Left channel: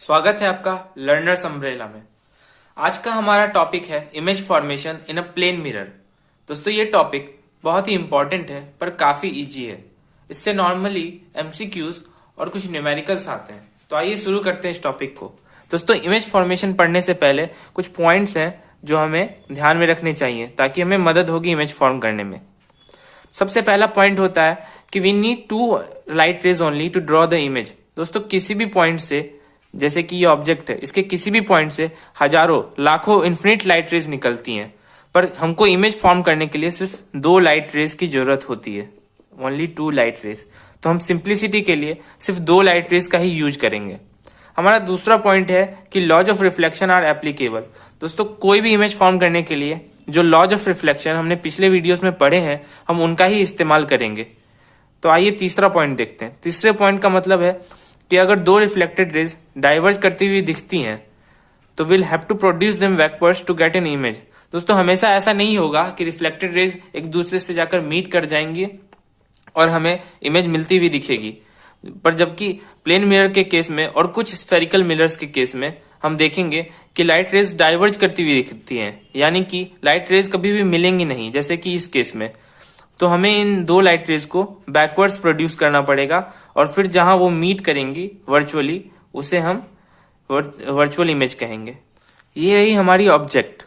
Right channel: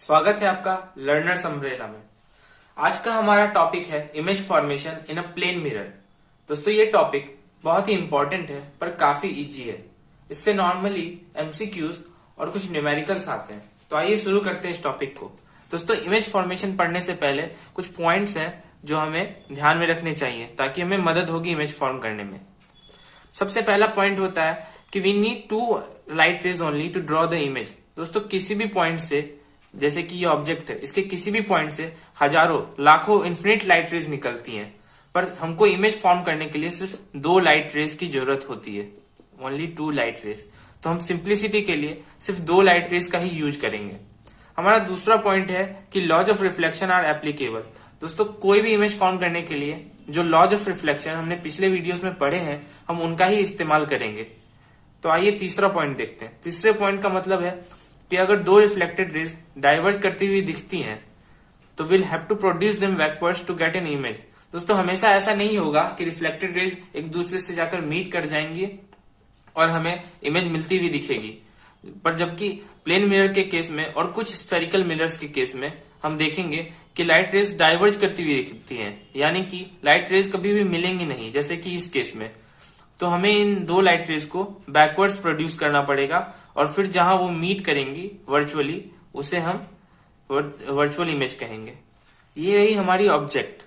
स्वागत है आपका लर्नर्स अम्ब्रेला में। आज का हमारा टॉपिक है image formation in a plane mirror. दोस्तों ये टॉपिक बहुत ही इंपॉर्टेंट है पर काफी इजी है। इससे नॉर्मली एमसीक्यूज और कुछ न्यूमेरिकल्स आते हैं। तो आइए शुरू करते हैं इस टॉपिक को। दोस्तों इमेज फॉर्मेशन पढ़ने से पहले कुछ पॉइंट्स हैं जो हमें ध्यान में रखने चाहिए ताकि हमें मदद होगी इमेज फॉर्म करने में। सबसे पहला पॉइंट होता है कि we need to light rays only to draw the image. दोस्तों किसी भी पॉइंट से, जैसे कि ये ऑब्जेक्ट है, इसके किसी भी पॉइंट से हजारों लाखों इन्फिनिट लाइट रेज निकलती हैं, पर हमको इमेज फॉर्म करने के लिए सिर्फ 2 लाइट रेज की जरूरत होती है, ओनली 2 लाइट रेज। तो हम सिंप्लिसिटी के लिए सिर्फ 2 लाइट रेज का ही यूज करेंगे। हमारा दूसरा पॉइंट है कि laws of reflection are applicable. दोस्तों कोई भी इमेज फॉर्म करने के लिए जो लॉज ऑफ रिफ्लेक्शन हमने पिछले वीडियोस में पढ़े हैं, हम उनका ही इस्तेमाल करेंगे। तो आइए तीसरा पॉइंट देखते हैं। तीसरे पॉइंट का मतलब है कि अगर 2 रिफ्लेक्टेड रेज डाइवर्ज करती हुई दिखती हैं तो will have to produce them backwards to get an image. दोस्तों हमेशा ऐसा नहीं होगा कि रिफ्लेक्टेड रेज एक दूसरे से जाकर मीट कर जाएंगी और हमें इमेज मिलती हुई दिखेगी, पर जबकि प्लेन मिरर के केस में और कुछ स्फेरिकल मिरर्स के केस में हम देखेंगे कि लाइट रेज डाइवर्ज करती हुई दिखती हैं, यानी कि लाइट रेज कभी भी मिलेंगी नहीं, जैसे कि इस केस में। तो हमें इन 2 लाइट रेज को बैकवर्ड्स प्रोड्यूस करना पड़ेगा और फिर जहां वो मीट करेंगी वर्चुअली, उसे हम वर्चुअल इमेज कहेंगे। ये रही हमारी ऑब्जेक्ट।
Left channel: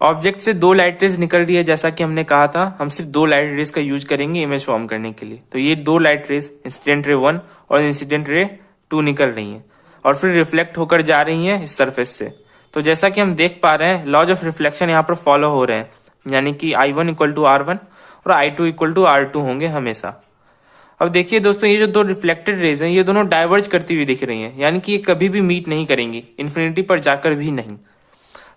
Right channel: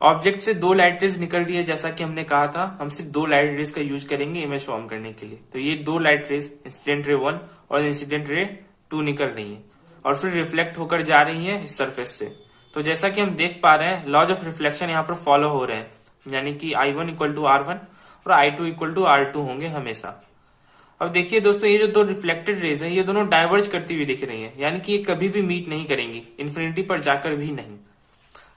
ऑब्जेक्ट से 2 लाइट रेज निकल रही है, जैसा कि हमने कहा था हम सिर्फ 2 लाइट रेज का यूज करेंगे इमेज फॉर्म करने के लिए। तो ये 2 लाइट रेज इंसिडेंट रे 1 और इंसिडेंट रे 2 निकल रही हैं और फिर रिफ्लेक्ट होकर जा रही हैं इस सरफेस से। तो जैसा कि हम देख पा रहे हैं, लॉज ऑफ रिफ्लेक्शन यहाँ पर फॉलो हो रहे हैं, यानी कि I1 इक्वल टू R1 और I2 इक्वल टू R2 होंगे हमेशा। अब देखिए दोस्तों, ये जो 2 रिफ्लेक्टेड रेज हैं ये दोनों डाइवर्ज करती हुई दिख रही हैं, यानी कि ये कभी भी मीट नहीं करेंगी, इन्फिनिटी पर जाकर भी नहीं।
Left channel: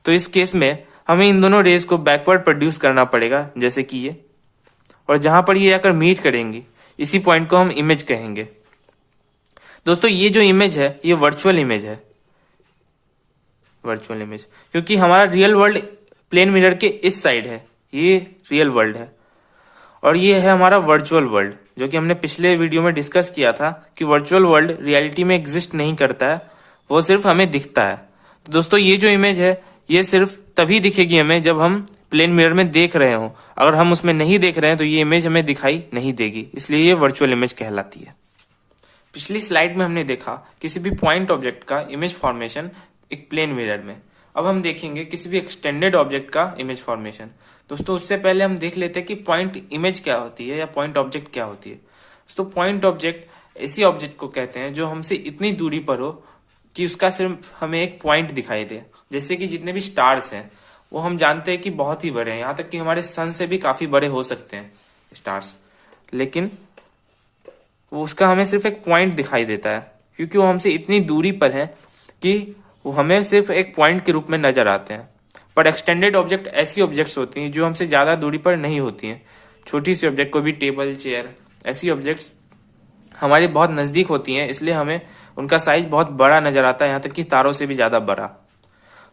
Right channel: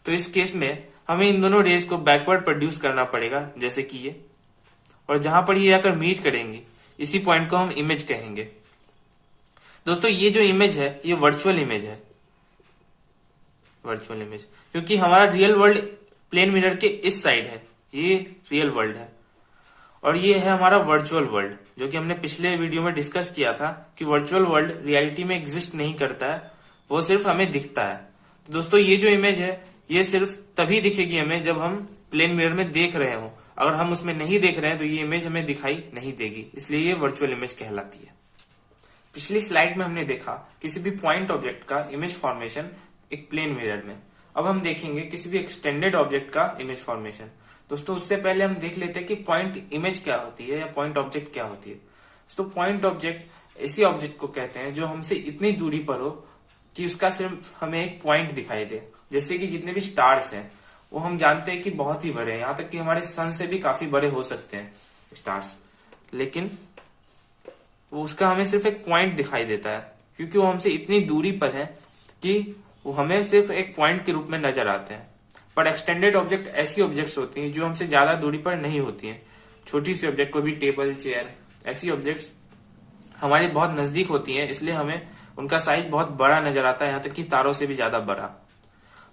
तो इस केस में हमें इन दोनों रेज को बैकवर्ड प्रोड्यूस करना पड़ेगा, जैसे कि ये, और जहां पर ये आकर मीट करेंगी इसी पॉइंट को हम इमेज कहेंगे। दोस्तों ये जो इमेज है ये वर्चुअल इमेज है, वर्चुअल इमेज, क्योंकि हमारा रियल वर्ल्ड प्लेन मिरर के इस साइड है, ये रियल वर्ल्ड है और ये है हमारा वर्चुअल वर्ल्ड, जो कि हमने पिछले वीडियो में डिस्कस किया था कि वर्चुअल वर्ल्ड रियलिटी में एग्जिस्ट नहीं करता है, वो सिर्फ हमें दिखता है। तो दोस्तों ये जो इमेज है ये सिर्फ तभी दिखेगी हमें जब हम प्लेन मिरर में देख रहे हो। अगर हम उसमें नहीं देख रहे हैं तो ये इमेज हमें दिखाई नहीं देगी, इसलिए ये वर्चुअल इमेज कहलाती है। पिछली स्लाइड में हमने देखा किसी भी पॉइंट ऑब्जेक्ट का इमेज फॉर्मेशन एक प्लेन मिरर में। अब हम देखेंगे किसी भी एक्सटेंडेड ऑब्जेक्ट का इमेज फॉर्मेशन। दोस्तों उससे पहले हम देख लेते हैं कि पॉइंट इमेज क्या होती है या पॉइंट ऑब्जेक्ट क्या होती है। दोस्तों पॉइंट ऑब्जेक्ट ऐसी ऑब्जेक्ट को कहते हैं जो हमसे इतनी दूरी पर हो कि उसका सिर्फ हमें एक पॉइंट दिखाई दे। जैसे कि जितने भी स्टार्स हैं वो हम जानते हैं कि बहुत ही बड़े हैं, यहाँ तक कि हमारे सन से भी काफी बड़े हो सकते हैं स्टार्स, लेकिन वो उसका हमें सिर्फ एक पॉइंट दिखाई देता है क्योंकि वो हमसे इतनी दूरी पर है कि वो हमें सिर्फ एक पॉइंट के रूप में नजर आते हैं। पर एक्सटेंडेड ऑब्जेक्ट ऐसी ऑब्जेक्ट्स होती हैं जो हमसे ज्यादा दूरी पर नहीं होती हैं। छोटी सी ऑब्जेक्ट, कोई भी टेबल, चेयर, ऐसी ऑब्जेक्ट्स हमारे बहुत नजदीक होती हैं, इसलिए हमें उनका साइज बहुत बड़ा नजर आता है, यहाँ तक कि तारों से भी ज्यादा बड़ा।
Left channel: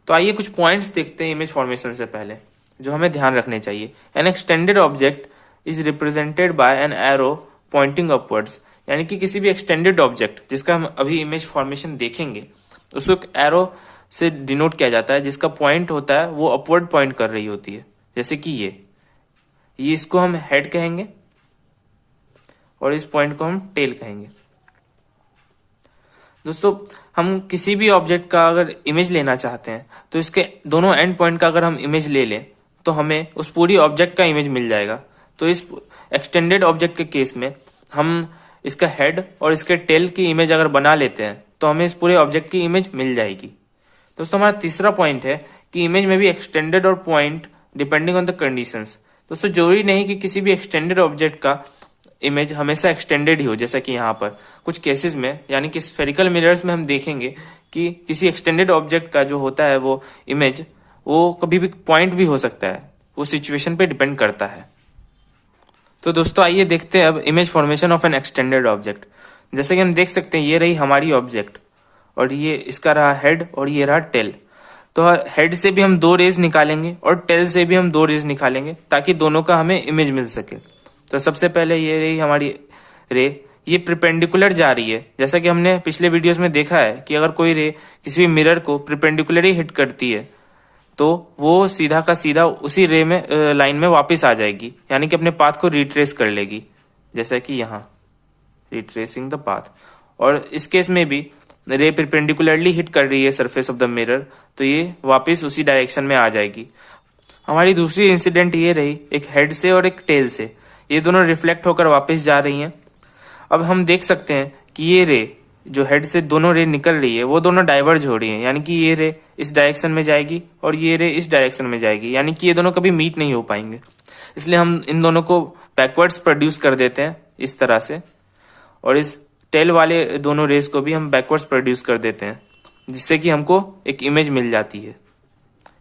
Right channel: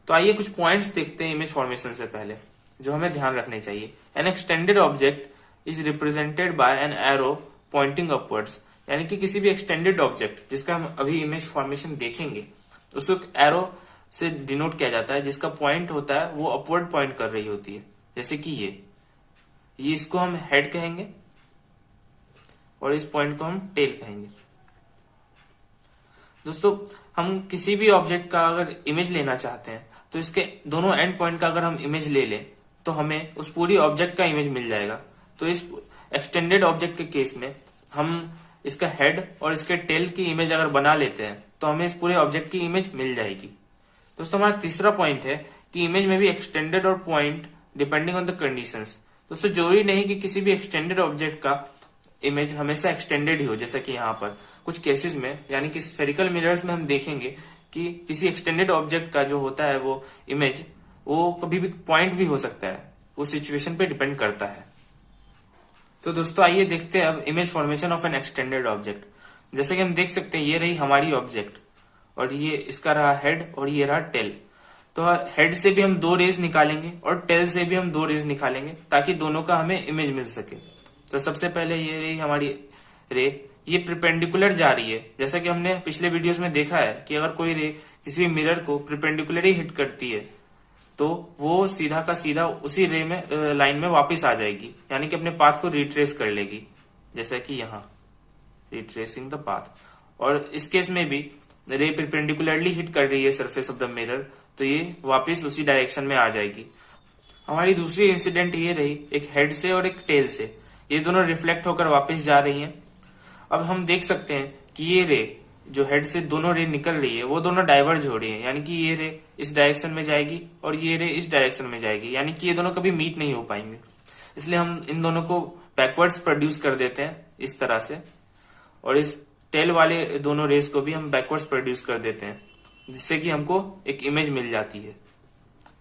तो आइए कुछ पॉइंट्स देखते हैं इमेज फॉर्मेशन से पहले जो हमें ध्यान रखने चाहिए। An extended object is represented by an arrow pointing upwards, यानी कि किसी भी एक्सटेंडेड ऑब्जेक्ट जिसका हम अभी इमेज फॉर्मेशन देखेंगे उसको एक एरो से डिनोट किया जाता है, जिसका पॉइंट होता है वो अपवर्ड पॉइंट कर रही होती है। जैसे कि ये इसको हम हेड कहेंगे और इस पॉइंट को हम टेल कहेंगे। दोस्तों हम किसी भी ऑब्जेक्ट का अगर इमेज लेना चाहते हैं तो इसके दोनों एंड पॉइंट का अगर हम इमेज ले लें तो हमें उस पूरी ऑब्जेक्ट का इमेज मिल जाएगा। तो इस एक्सटेंडेड ऑब्जेक्ट के केस में हम इसका हेड और इसके टेल की इमेज अगर बना लेते हैं तो हमें इस पूरे ऑब्जेक्ट की इमेज मिल जाएगी। दोस्तों हमारा तीसरा पॉइंट है कि इमेज में भी एक्सटेंडेड और point depending on the conditions. दोस्तों जरूरी नहीं कि किसी भी एक्सटेंडेड ऑब्जेक्ट का इमेज हमेशा एक्सटेंडेड ही हो, जैसा कि यहाँ पर कुछ केसेस में, यानी कि स्फेरिकल मिरर्स में हम देखेंगे कि किसी एक्सटेंडेड ऑब्जेक्ट का जो होता है वो इमेज वो कभी भी पॉइंट भी हो सकता है, वो सिचुएशन पे डिपेंड करता है। तो दोस्तों आइए देखते हैं अब image formation of N extended object. जैसे कि हम देख सकते हैं ये रही हमारी ऑब्जेक्ट और ये इसका रहा हेड और ये रहा टेल। तो हेड से भी हम 2 रेज निकालेंगे और टेल से भी हम 2 रेज निकालेंगे ताकि दोनों का हमें इमेज मिल सके। तो सबसे पहले ये रही हमारी रे, ये परपेंडिकुलर जा रही है। जैसा कि हमने पिछले वीडियोस में देखा है कि अगर कोई रे किसी भी मिरर को परपेंडिकुलर ही हिट करती है तो वो सीधा का सीधा उसी रे में लाइन में वापस आ जाएगी, यानी कि अपने पाथ को रिट्रेस कर लेगी, जैसा कि यहाँ रिट्रेसिंग द पाथ। और इस केस में भी रे परपेंडिकुलरली हिट कर रही है सरफेस ऑफ द मिरर, तो ये वापस उसी डायरेक्शन में आ जाएगी। हमारी दूसरी इंसिडेंट ये रही एक हेड से और एक टेल से, ये दोनों रिफ्लेक्ट होकर वापस जा रही हैं। अब हम देख सकते हैं कि ये रे जो हेड से दोनों रे निकल रही है वो दोनों डाइवर्ज हो रही है, यानी कि ये रे इस डायरेक्शन में जाएगी और ये रे इस डायरेक्शन में जाएगी, यानी कि ये दोनों कभी मीट नहीं हो पाएंगे। इसलिए हम इन दोनों को बैकवर्ड्स प्रोड्यूस कर देते हैं इस तरह से, और इस टेल वाले दोनों रेस को भी हम बैकवर्ड्स प्रोड्यूस कर देते हैं, जिससे कि हमको एक इमेज मिल जाती है।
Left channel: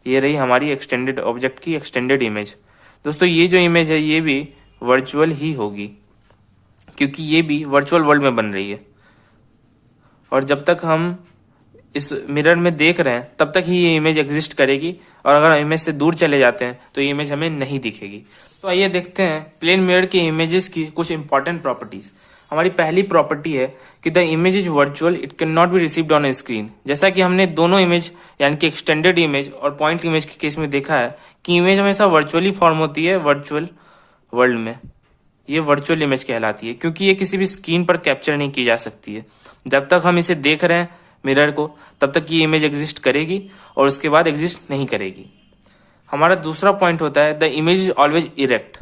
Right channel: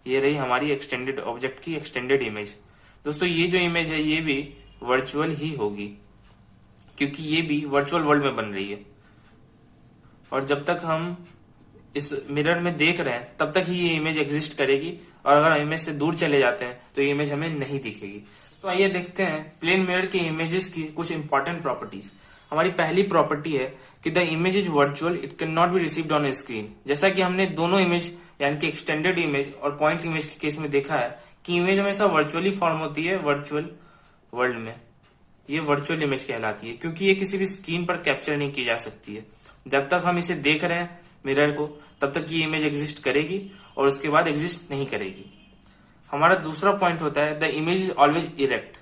ये रही हमारी एक्सटेंडेड ऑब्जेक्ट की एक्सटेंडेड इमेज। दोस्तों ये जो इमेज है ये भी वर्चुअल ही होगी, क्योंकि ये भी वर्चुअल वर्ल्ड में बन रही है, और जब तक हम इस मिरर में देख रहे हैं तब तक ही ये इमेज एग्जिस्ट करेगी, और अगर इमेज से दूर चले जाते हैं तो ये इमेज हमें नहीं दिखेगी। तो आइए देखते हैं प्लेन मिरर के इमेजेस की कुछ इंपॉर्टेंट प्रॉपर्टीज। हमारी पहली प्रॉपर्टी है कि the image is virtual, it can not be received on A screen. जैसा कि हमने दोनों इमेज यानी कि एक्सटेंडेड इमेज और पॉइंट इमेज के केस में देखा है कि इमेज हमेशा वर्चुअली फॉर्म होती है वर्चुअल वर्ल्ड में। ये वर्चुअल इमेज कहलाती है क्योंकि ये किसी भी स्क्रीन पर कैप्चर नहीं की जा सकती है। जब तक हम इसे देख रहे हैं मिरर को तब तक ये इमेज एग्जिस्ट करेगी और उसके बाद एग्जिस्ट नहीं करेगी। हमारा दूसरा पॉइंट होता है the image is always erect.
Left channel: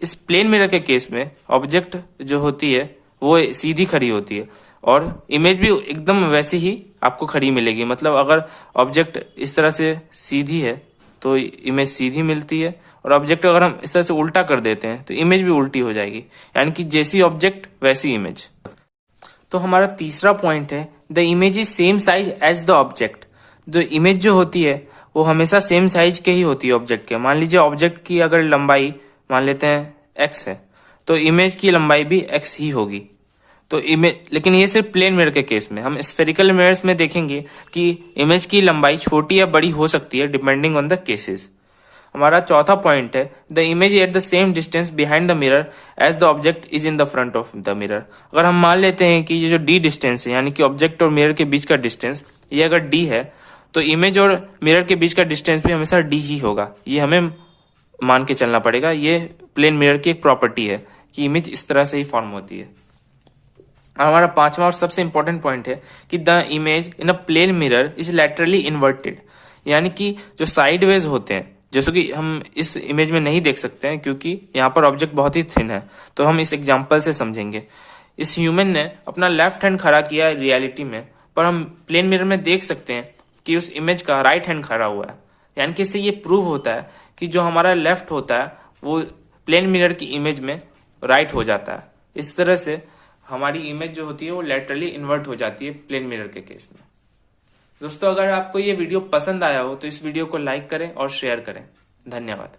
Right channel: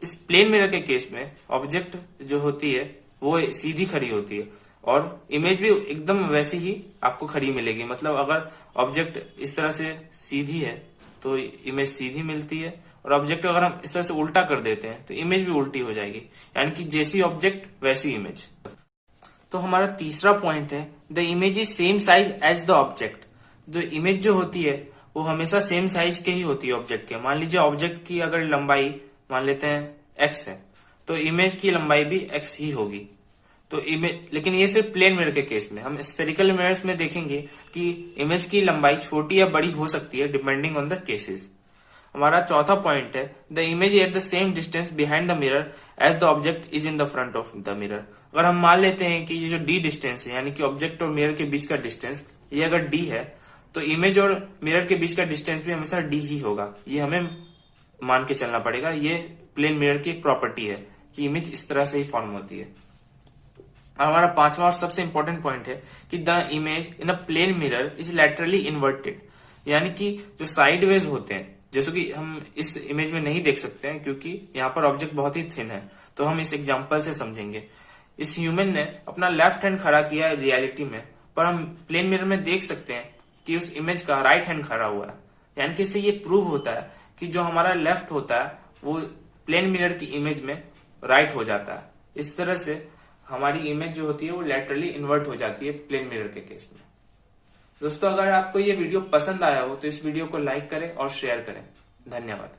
इस प्लेन मिरर के केस में ऑब्जेक्ट जो होती है वो सीधी खड़ी होती है और इमेज भी एकदम वैसी ही आपको खड़ी मिलेगी। मतलब अगर ऑब्जेक्ट इस तरह से सीधी है तो इमेज सीधी मिलती है, और ऑब्जेक्ट अगर हम इस तरह से उल्टा कर देते हैं तो इमेज भी उल्टी हो जाएगी, यानी कि जैसी ऑब्जेक्ट वैसी इमेज। तो हमारा तीसरा पॉइंट है the image is same size as the object. जो इमेज जो होती है वो हमेशा सेम साइज के ही होती है ऑब्जेक्ट के। मान लीजिए ऑब्जेक्ट की अगर लंबाई मान लेते हैं x है तो इमेज की लंबाई भी x ही होगी। तो इमेज, लेकिन ये सिर्फ प्लेन मिरर के केस में। हम स्फेरिकल मिरर्स में देखेंगे कि इमेज की लंबाई छोटी या बड़ी हो सकती है डिपेंडिंग ऑन द केसेस। हमारा चौथा पॉइंट है the image at the same distance behind the mirror as the object is in the front of the mirror. अगर हम मान लेते हैं कि ये जो d डिस्टेंस है यानी कि ऑब्जेक्ट और मिरर के बीच का डिस्टेंस ये अगर d है तो इमेज और मिरर के बीच का डिस्टेंस भी हमेशा d ही होगा। ये हमें मान के चलना पड़ेगा। ये प्लेन मिरर की एक प्रॉपर्टी है कि इमेज इस तरह से ही फॉर्म होती है। हमारा पांचवा और सबसे इंपॉर्टेंट पॉइंट है कि the image in a plane mirror is laterally inverted, यानी कि जो साइडवेज होते हैं, जैसे कि हम इस इमेज में नहीं देख सकते हैं क्योंकि यहाँ पर ऑब्जेक्ट बहुत ही थिन है, तो हम इस एग्जांपल से समझेंगे। इस ह्यूमन ने अपना लेफ्ट हैंड खड़ा किया रियलिटी में, पर हम प्लेन मिरर में देख सकते हैं कि उस इमेज का राइट हैंड खड़ा हुआ है, यानी कि इससे ये प्रूव होता है कि जो हमारा लेफ्ट होता है वो प्लेन मिरर की इमेज में राइट हो जाता है। इस तरह से हमारी इमेज जो होती है वो लैटरली इन्वर्ट हो जाती है प्लेन मिरर के केस में। दोस्तों अगर आपको ये वीडियो पसंद आया हो तो इस वीडियो को लाइक करें और शेयर करें। धन्यवाद।